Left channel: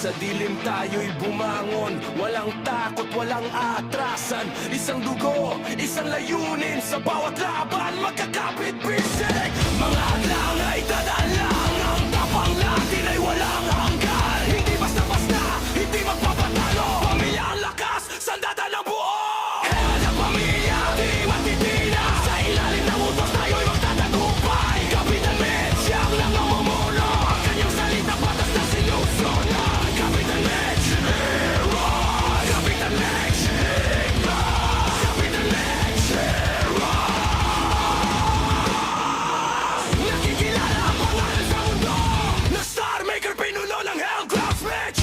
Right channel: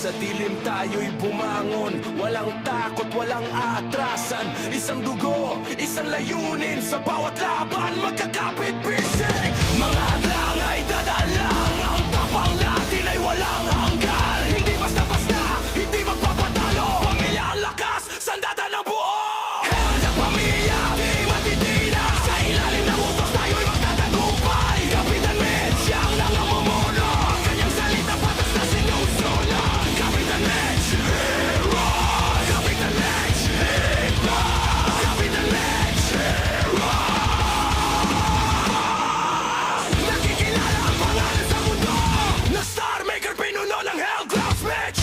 Sa dilim tayo'y bumangon, walang takot, walang atrasan. Isang dugo, isang layunin, sa bawat laban magkakapit bisig. Mga hadlang ay dadaan lang, ang tapang natin ay walang hanggan. Hindi basta-basta, hindi magpapatalo. Pamilya ang lakas, sandata ng buo. Head ang pamilya, di matitina. Sa ilalim ng utos tayo'y magtatagumpay. Kapitan Mitch, siyang nangamumuno. Ang kanyang salita patas na sinusunod. Kapitan Mitch, hero. Kapitan Mitch, hero. Kapitan Mitch, hero. Nakikilala ang pangalan sa mundo na Star Maker, pinuno ng Hellcross Mitch.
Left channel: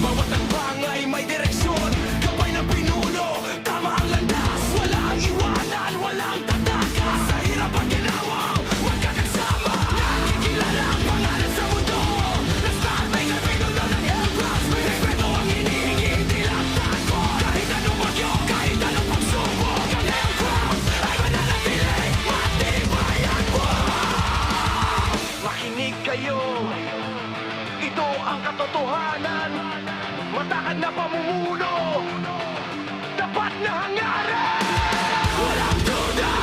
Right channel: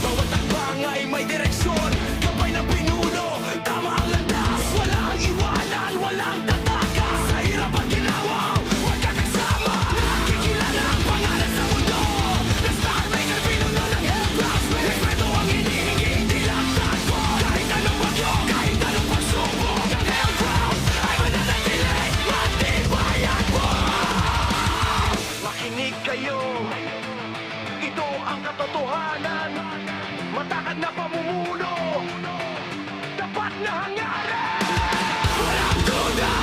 Bawat takbang ay may direksyon, gabay ng pinuno, tama ang landas. Walang iwanan, walang tatakas. Sa hirap at ginawa, magkakasama. Nakikilala ang pangalan sa mundo na Star Maker, pinuno ng Hellcross Mitch. Respeto ang hinihingi, hindi lang takot. Kahit anong bagyo, kahit anong pagsubok, ang Hellcross ay mananatili, matibay at buhay. Makinig kayo, ito ang katotohanan. Matakad na pamumuno, tapat na hangarin. Walang duda,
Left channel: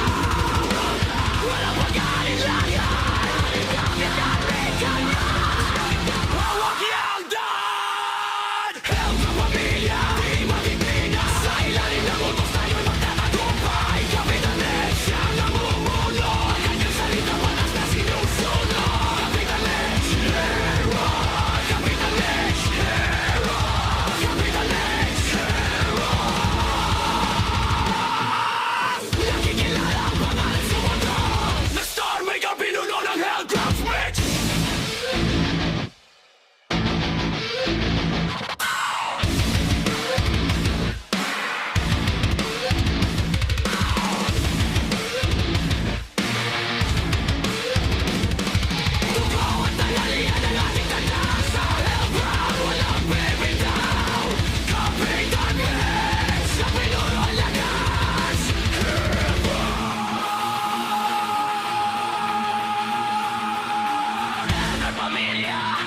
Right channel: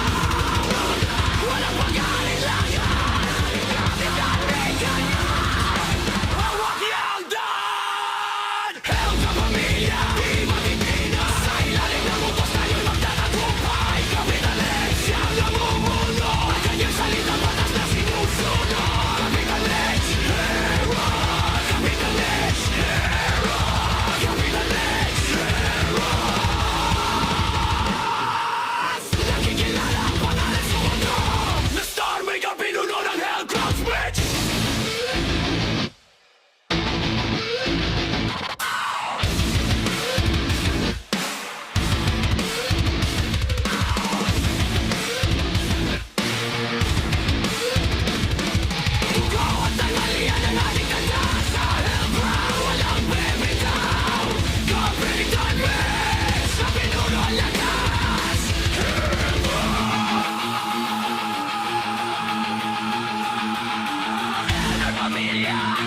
walang pag-aalilangan. Kapitan Mitch, hawak yang daan. Hell sa pamilya, di matitina. Sa ilalim ng utos tayo'y magtatagumpay. Kapitan Mitch, siyang namumuno. Ang kanyang salita patas na sinusunod. Kapitan Mitch, hero. Kapitan Mitch, hero. Kapitan Mitch, hero. Nakikilala ang pangalan sa mundo na Star Maker, pinuno ng Hellcross Mitch. Dugo at tanghalian ang ating tanda. Sa Hellground walang bibitaw. Kapitan Mitch, sa pinuno ang lakas. Hellground pamilya,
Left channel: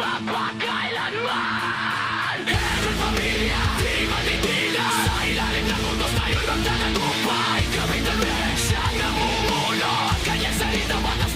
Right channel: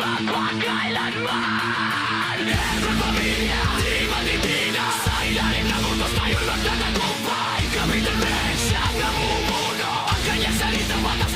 magpakailanman. Hellground pamilya, di matitina. Sa ilalim ng utos tayo'y magtatagumpay. Kapitan Mitch, siyang namumuno. Ang kanyang salita patas